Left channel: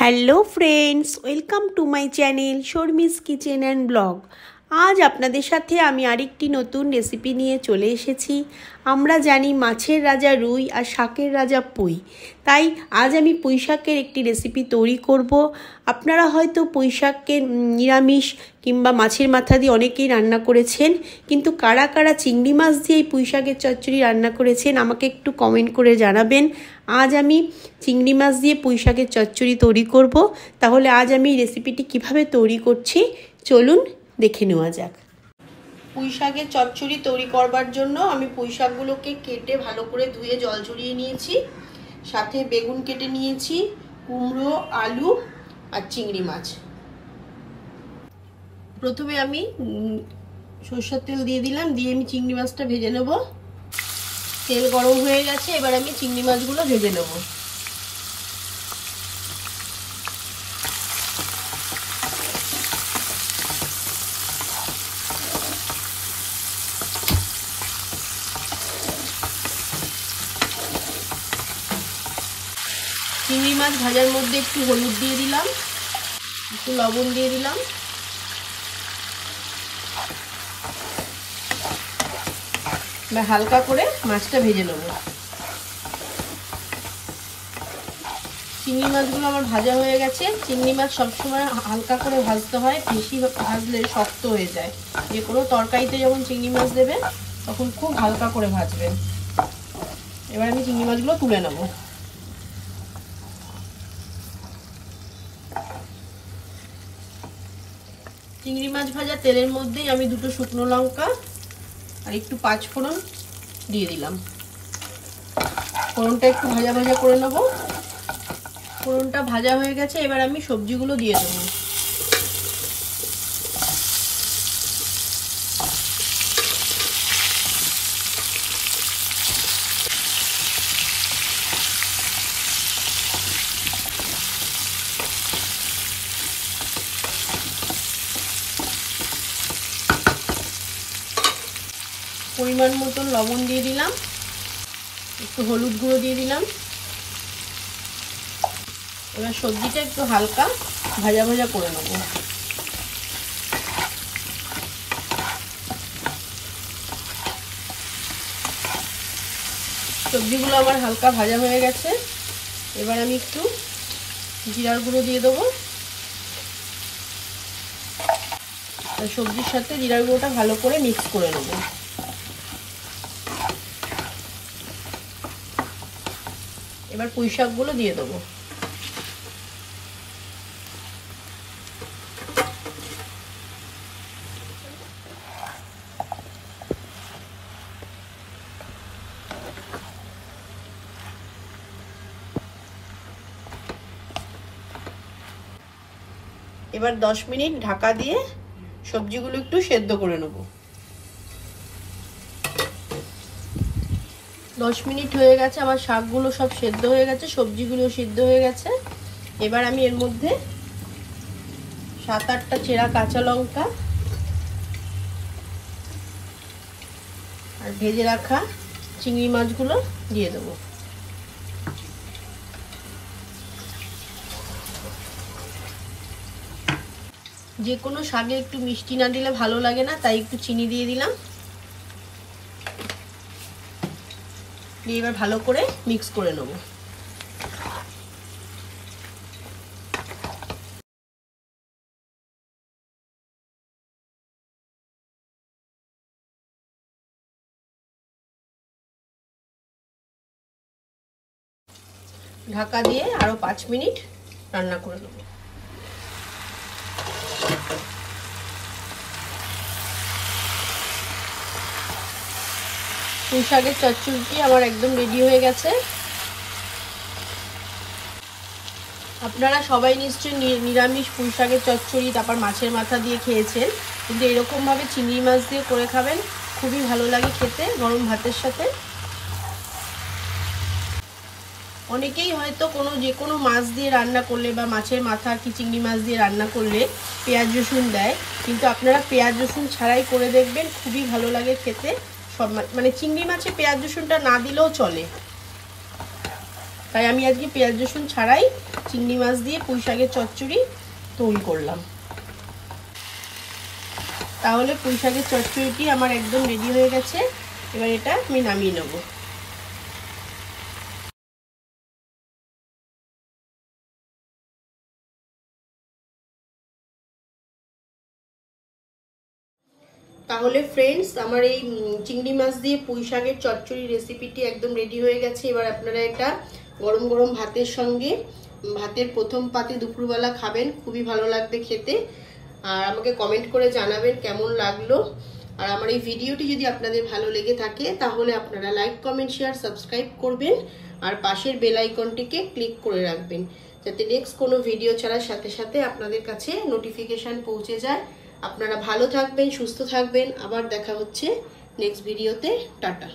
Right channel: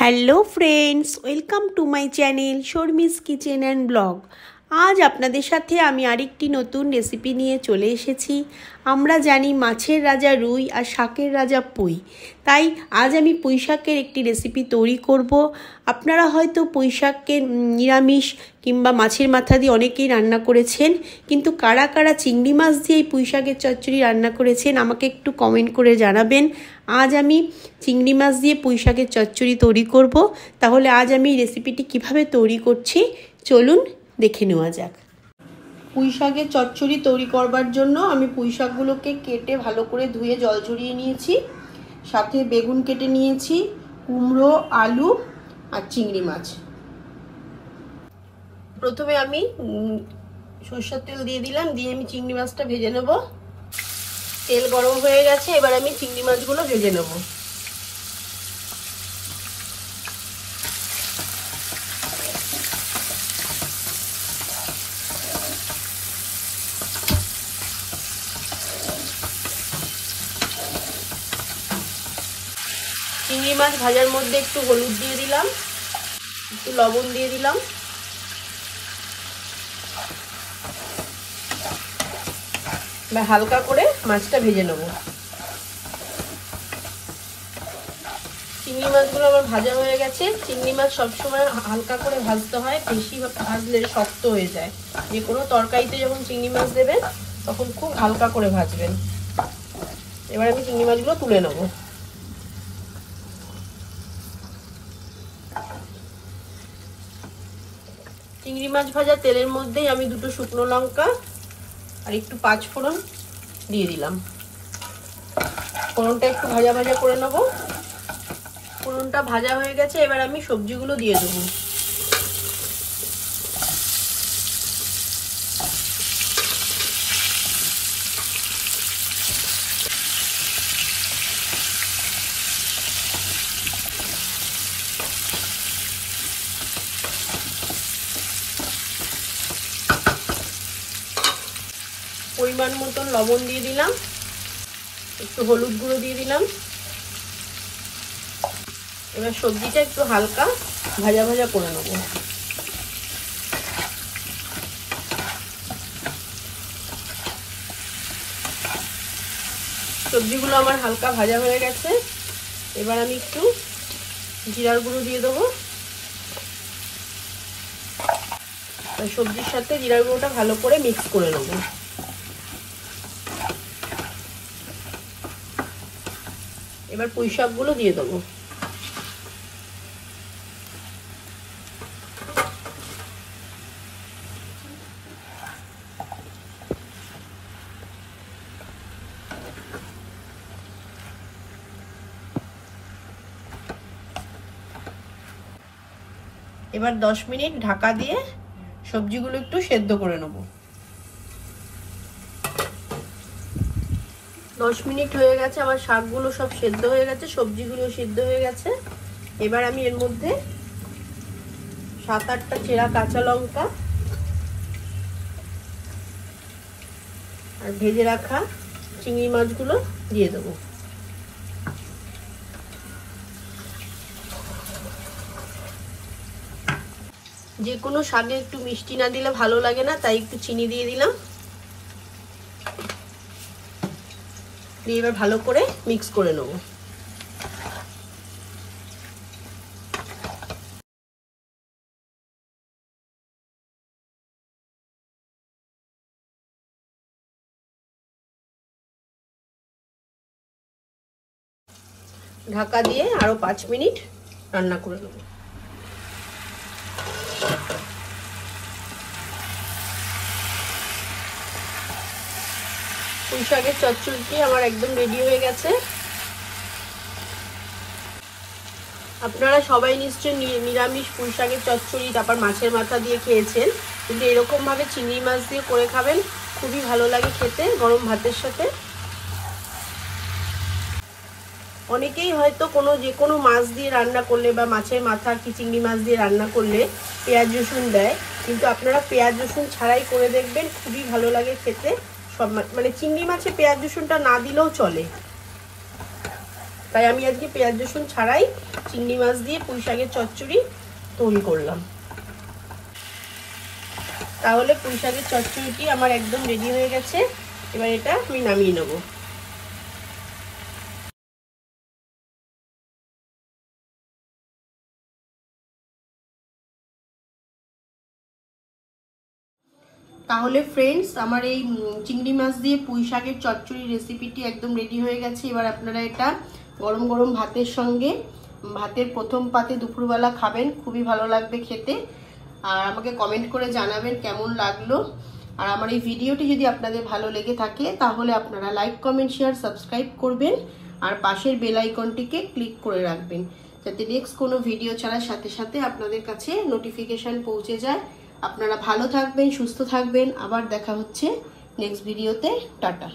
Hello friends, welcome to my channel Sharmi's kitchen and blog. আজ আপনাদের সাথে আমি আরেকটি নতুন রেসিপি নিয়ে চলে এসেছি। আমরা জানি মাছের রাজা রুই আর শাকের রাজা পুঁই, তাই আজ আমি পুঁই শাকের একটি রেসিপি তৈরি করব। আপনারা হয়তো পুঁই শাককে নিরামিষ কিংবা মাছের মাথা দিয়ে অনেকেই রান্না করেছেন, কিন্তু কারা কারা চিংড়ি মাছ দিয়ে পুঁই শাকের চচ্চড়ি রান্না করেছেন আমাকে একটু কমেন্ট করে জানাবেন। আজ আমি চিংড়ি মাছ দিয়ে পুঁই শাকের চচ্চড়ি তৈরি করব। তাহলে আজ আমি রেসিপিটি কিভাবে তৈরি করছি চলুন দেখে নেওয়া যাক। পুঁই শাকের চচ্চড়ি তৈরি করবার জন্য আমি পুঁই শাকগুলোকে কেটে ভালো করে ধুয়ে জল ঝরিয়ে নিয়েছি। সাথে বেগুন কেটে নিয়েছি, কুমড়ো, আলু আর চিংড়ি মাছ। প্রথমে আমি সরষের তেল দিয়ে দিলাম, দিয়ে আমি চিংড়ি মাছটা ভেজে নেব। তেল গরম হয়ে গেছে, এবার আমি চিংড়ি মাছগুলো ভেজে নেব। চিংড়ি মাছ ভাজার মধ্যে একটু হলুদ দিয়ে দিলাম, একটু লবণ দিয়ে দিলাম, এবার হালকা করে মাছটা ভেজে নেব। চিংড়ি মাছগুলো আমার ভাজা হয়ে গেছে। চিংড়ি মাছ সবসময় হালকা করে ভাজতে হয়, বেশি ভাজলে শক্ত হয়ে যায়। যে কোনো তরকারিতে যখন চিংড়ি মাছ দেবেন তখন খুব হালকা করে ভাজবেন। এবার আমি চিংড়ি মাছগুলো তুলে নেব। চিংড়ি মাছ ভাজা তেলের মধ্যেই আমি দুটো শুকনো লঙ্কা আর একটু পাঁচফোড়ন দিয়ে দিলাম। ফোড়নটা একটু ভাজা ভাজা করে নেব। ফোড়নটা ভাজা হয়ে গেছে, এবার আমি সবজিগুলো দিয়ে দেবো। পরিমাণ মতো লবণ দিয়ে দিলাম, একটু হলুদ গুঁড়ো দিয়ে দিলাম। এবার সবজিটা একটু হালকা ভাজা ভাজা করে নেব। সবজিগুলো আমার হালকা ভাজা হয়ে গেছে, এবার আমি একটু জিরার গুঁড়ো দিয়ে দেবো। সবজির সাথে জিরার গুঁড়োটা ভালো করে মিক্স করে নেব। এবার পুঁই শাকগুলো দিয়ে দেবো। এবার 10 মিনিট ঢাকা দিয়ে সবজিগুলো একটু সেদ্ধ করে নেব। 10 মিনিট হয়ে গেছে, আমার শাকগুলো সব সেদ্ধ হয়ে গেছে, সবজিগুলো সিদ্ধ হয়ে গেছে। এবার আমি এর মধ্যে 7-8টা চেরা কাঁচা লঙ্কা আর ভেজে রাখা চিংড়ি মাছগুলো দিয়ে দেবো। যে কোনো শাকে একটু মিষ্টি না দিলে ভালো লাগে না, তাই একটু চিনি দিয়ে দিলাম। এবার ভালো করে মিক্স করে নেব। ঢাকা দিয়ে আরো 5 মিনিট রান্না করে নেব। পুঁই শাকের চচ্চড়িটি আমার একদম রেডি হয়ে গেছে। আপনারা সবাই নিশ্চয়ই নিরামিষ পুঁই শাকের চচ্চড়ি তারপর মাছের মাথা দিয়ে খেয়েছেন, কিন্তু এরকম ভাবে চিংড়ি মাছ দিয়ে করে খাবেন, খুবই ভালো লাগে খেতে গরম ভাতের সাথে। অনেকেই হয়তো যে কোনো মাছ দিয়ে রান্না করলে বা মাছের মাথা কি চিংড়ি মাছ দিয়ে রান্না করলে পেঁয়াজ রসুন দেয়, কিন্তু আপনারা পেঁয়াজ রসুন ছাড়াই করে দেখবেন, খুবই ভালো লাগে খেতে। সব মানে চিংড়ি মাছে পেঁয়াজ রসুনটা না দিলেও চলে। তাই আমি আজকে পেঁয়াজ রসুন ছাড়াই চিংড়ি মাছ দিয়ে পুঁই শাকের চচ্চড়ি তৈরি করলাম। তাহলে পুঁই শাকের চচ্চড়িটি আমার একদম রেডি হয়ে গেছে। এবার এটা আমি নামিয়ে নেব। তাহলে ফ্রেন্ডস, আমার এই চিংড়ি মাছ দিয়ে পুঁই শাকের চচ্চড়ি রেসিপিটি একদম রেডি হয়ে গেছে। এবার আপনারা এটা গরম গরম ভাতের সঙ্গে, ভাতের প্রথম পাতে দুপুরবেলা খাবেন, খুবই ভালো লাগবে খেতে। আর আমাকে কমেন্ট করে জানাবেন কেমন লাগলো। আর আমার এই ভিডিওটি যদি আপনাদের ভালো লেগে থাকে তাহলে আপনারা লাইক, কমেন্ট, শেয়ার, সাবস্ক্রাইব করবেন আর পাশের বেল আইকনটিকে ক্লিক করে রাখবেন, যাতে নেক্সট কোনো ভিডিও ছাড়ার সাথে সাথে আপনাদের কাছে নোটিফিকেশন পৌঁছে যায়। আপনারা ভালো থাকবেন, সুস্থ থাকবেন। আবার দেখা হচ্ছে নেক্সট ভিডিওতে। টাটা।